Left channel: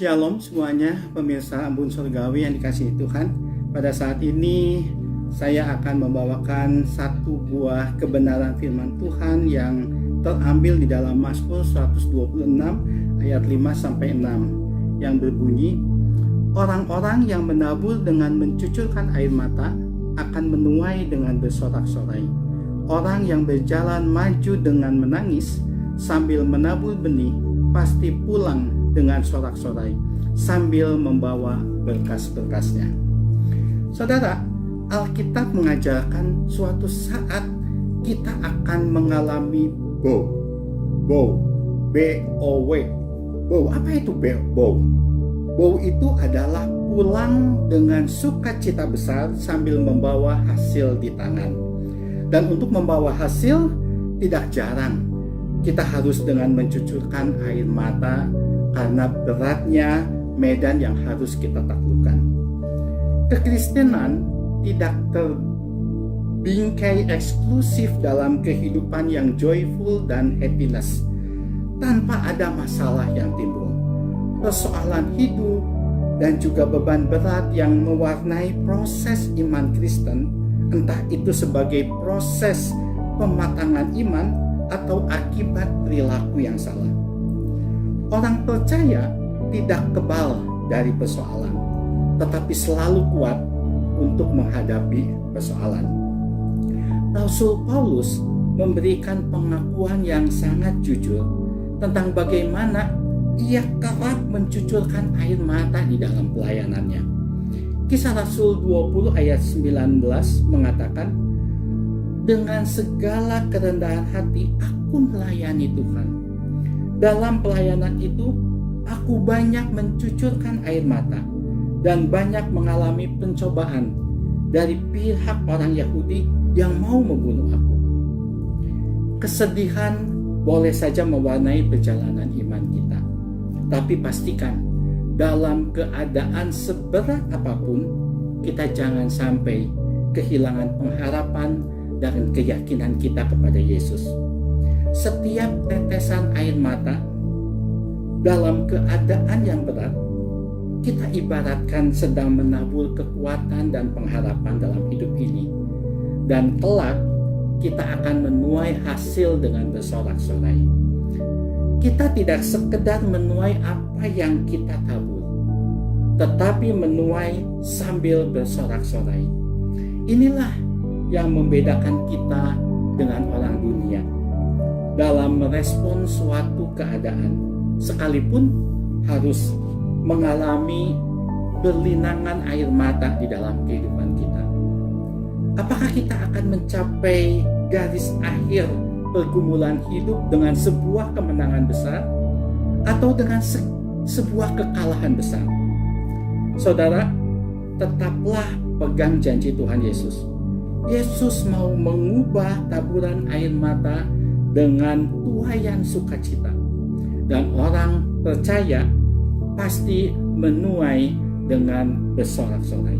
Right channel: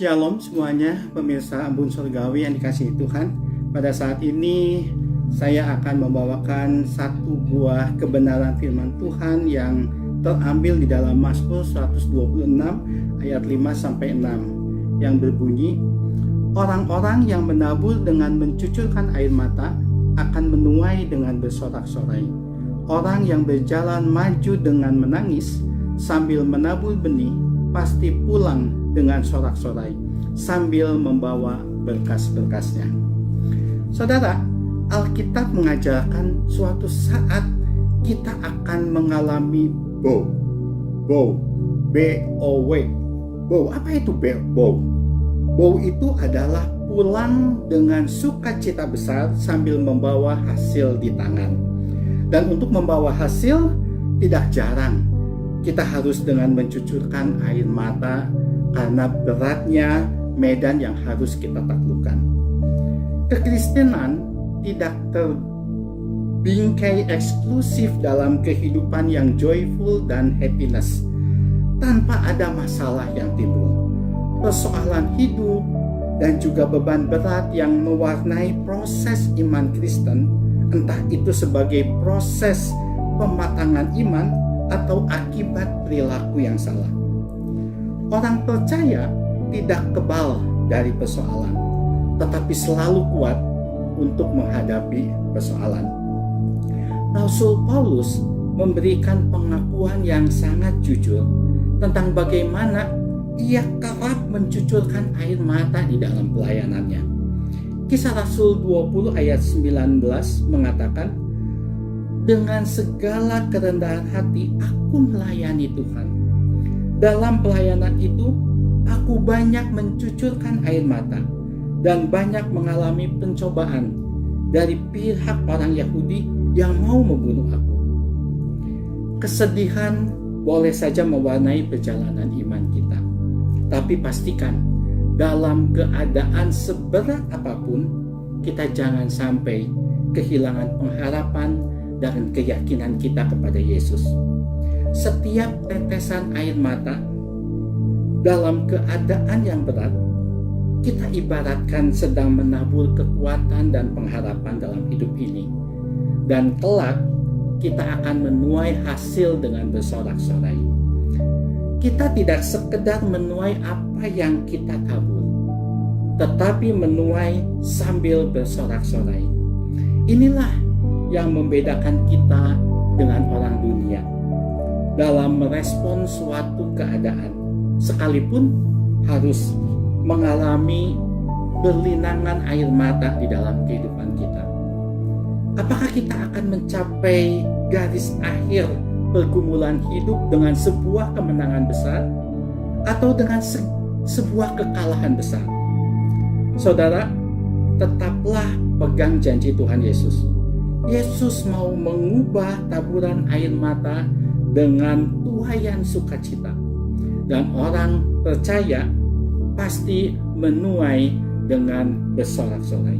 Shalom semuanya, pemirsa Embun Surgawi yang dikasihi Tuhan. Pada saat ini saya akan membawakan satu buah kebenaran firman Tuhan yang terambil di dalam Mazmur 126 ayat 5-6 yang berbunyi, orang-orang yang menabur dengan mencucurkan air mata akan menuai dengan bersorak-sorai. Orang yang berjalan maju dengan menangis sambil menabur benih pasti pulang dengan sorak-sorai sambil membawa berkas-berkasnya. Saudara, Alkitab mengajarkan suatu saat kita akan mengalami bow. B-O-W. Bow, apa itu bow? Bow itu adalah pulang dengan sukacita besar sambil membawa hasil di tangan. Dan untuk membawa hasil tidak jarang kita harus dengan mencucurkan air mata karena beratnya medan yang harus kita taklukkan. Kekristenan tidak terbingkai eksklusif dalam kehidupan yang joyful dan happiness tanpa ada masalah yang timbul. Persoalan hidup dan juga beban berat yang mewarnai proses iman Kristen, entah itu sebagai proses pematangan iman atau akibat perilaku yang salah. Orang percaya tidak kebal dari persoalan, tetapi selalu kuat untuk menghadapi persoalan. Rasul Paulus memberikan pengakuan yang sangat jujur tentang bagaimana ia kerap mencucurkan air mata di dalam pelayanannya. Kisah Rasul 20 ayat 19 mengatakan, dengan segala kerendahan hati aku melayani Tuhan. Dalam pelayanan itu aku banyak mencucurkan air mata dan banyak mengalami pencobaan dari pihak orang Yahudi yang mau membunuh aku. Kesedihan boleh saja mewarnai perjalanan iman kita, tapi pastikan dalam keadaan seberat apapun kita jangan sampai kehilangan pengharapan dan keyakinan kita kepada Yesus. Setiap tetesan air mata dalam keadaan yang berat, kita ibaratkan sedang menabur kekuatan dan pengharapan dalam hidup ini. Dan kelak kita akan menuai hasil dengan bersorak-sorai. Kita tidak sekedar menuai apa yang kita tabur, tetapi menuai sambil bersorak-sorai. Inilah yang membedakan kita dengan orang dunia dalam merespon suatu keadaan, sekalipun harus mengalami berlinangan air mata di dalam kehidupan kita. Apakah kita akan mencapai garis akhir pergumulan hidup dengan sebuah kemenangan besar atau dengan sebuah kekalahan besar? Saudara, tetaplah pegang janji Tuhan Yesus. Yesus mau mengubah taburan air mata dengan tuaian sukacita. Dan orang percaya pasti menuai dengan bersorak-sorai.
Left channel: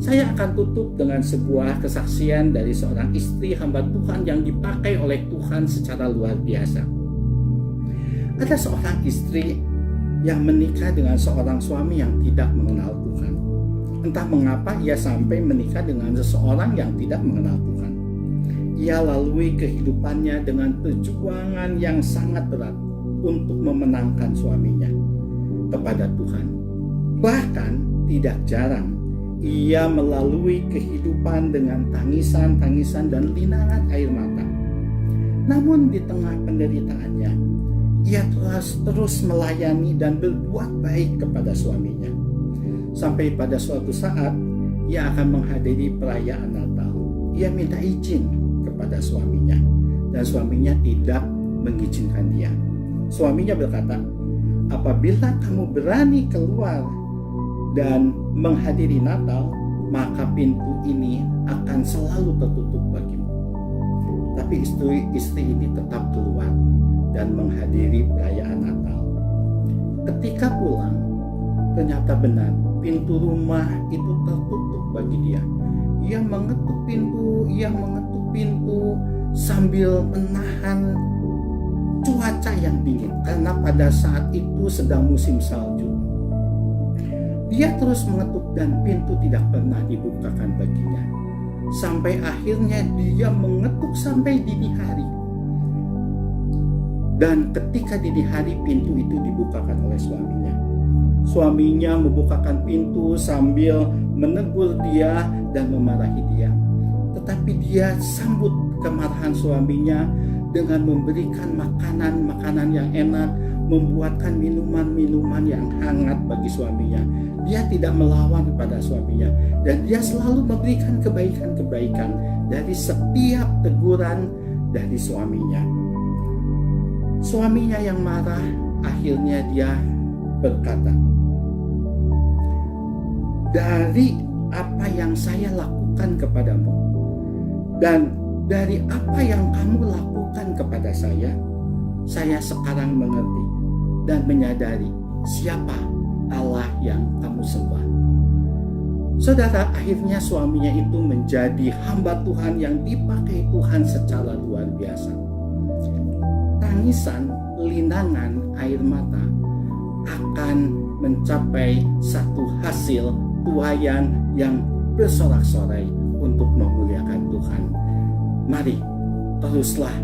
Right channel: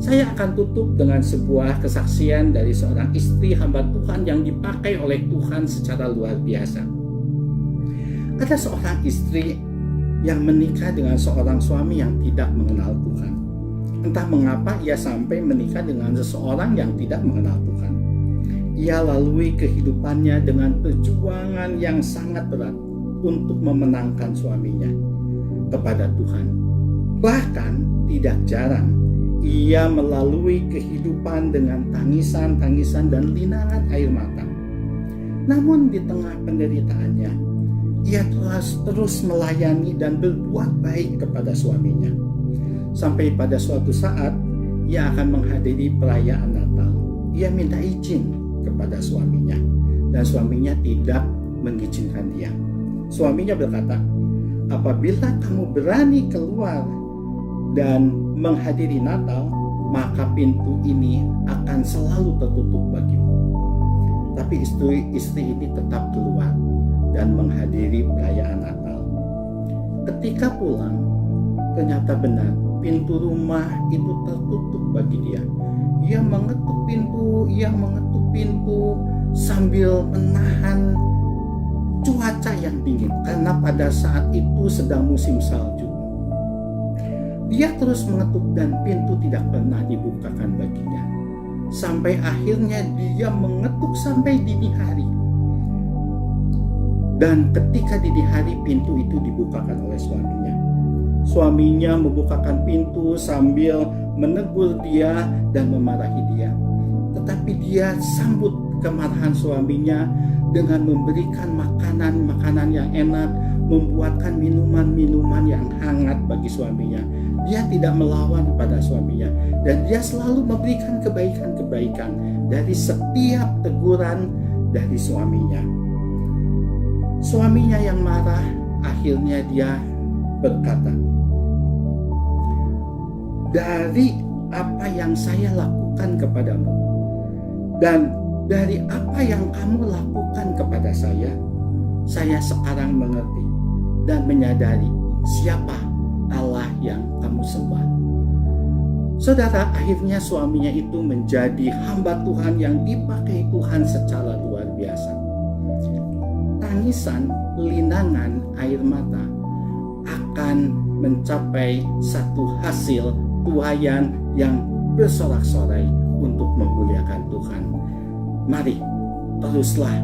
Saya akan tutup dengan sebuah kesaksian dari seorang istri hamba Tuhan yang dipakai oleh Tuhan secara luar biasa. Ada seorang istri yang menikah dengan seorang suami yang tidak mengenal Tuhan. Entah mengapa ia sampai menikah dengan seseorang yang tidak mengenal Tuhan. Ia lalui kehidupannya dengan perjuangan yang sangat berat untuk memenangkan suaminya kepada Tuhan. Bahkan tidak jarang ia melalui kehidupan dengan tangisan-tangisan dan linangan air mata. Namun di tengah penderitaannya, ia terus melayani dan berbuat baik kepada suaminya. Sampai pada suatu saat ia akan menghadiri perayaan Natal. Ia minta izin kepada suaminya dan suaminya tidak mengizinkan dia. Suaminya berkata, apabila kamu berani keluar dan menghadiri Natal, maka pintu ini akan selalu tertutup bagimu. Tapi istri ini tetap keluar dan menghadiri perayaan Natal. Ketika pulang, ternyata benar pintu rumah itu tertutup bagi dia. Ia mengetuk pintu sambil menahan cuaca yang dingin, karena pada saat itu sedang musim salju. Dia terus mengetuk dan pintu tidak pernah dibukakan baginya. Sampai akhirnya dia mengetuk sampai dini hari. Dan ketika dini hari pintu itu dibukakan oleh suaminya. Suaminya membukakan pintu sambil menegur dia dan memarahi dia. Tetapi dia sambut kemarahan suaminya dengan memberikan makanan-makanan yang enak, membuatkan minuman-minuman yang hangat bagi suaminya. Dia tidak melawan kepada suaminya, dan dia selalu memberikan kebaikan-kebaikan dari setiap teguran dari suaminya. Suaminya yang marah, akhirnya dia berkata, "Dari apa yang saya lakukan kepadamu dan dari apa yang kamu lakukan kepada saya sekarang mengerti dan menyadari siapa Allah yang kamu sembah." Saudara, akhirnya suaminya itu menjadi hamba Tuhan yang dipakai Tuhan secara luar biasa. Tangisan, linangan, air mata akan mencapai satu hasil tuaian yang bersorak-sorai untuk memuliakan Tuhan. Mari teruslah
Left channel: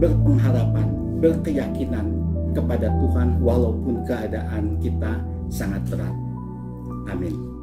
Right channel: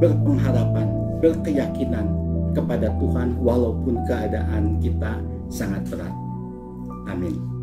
berpengharapan, berkeyakinan kepada Tuhan walaupun keadaan kita sangat berat. Amin.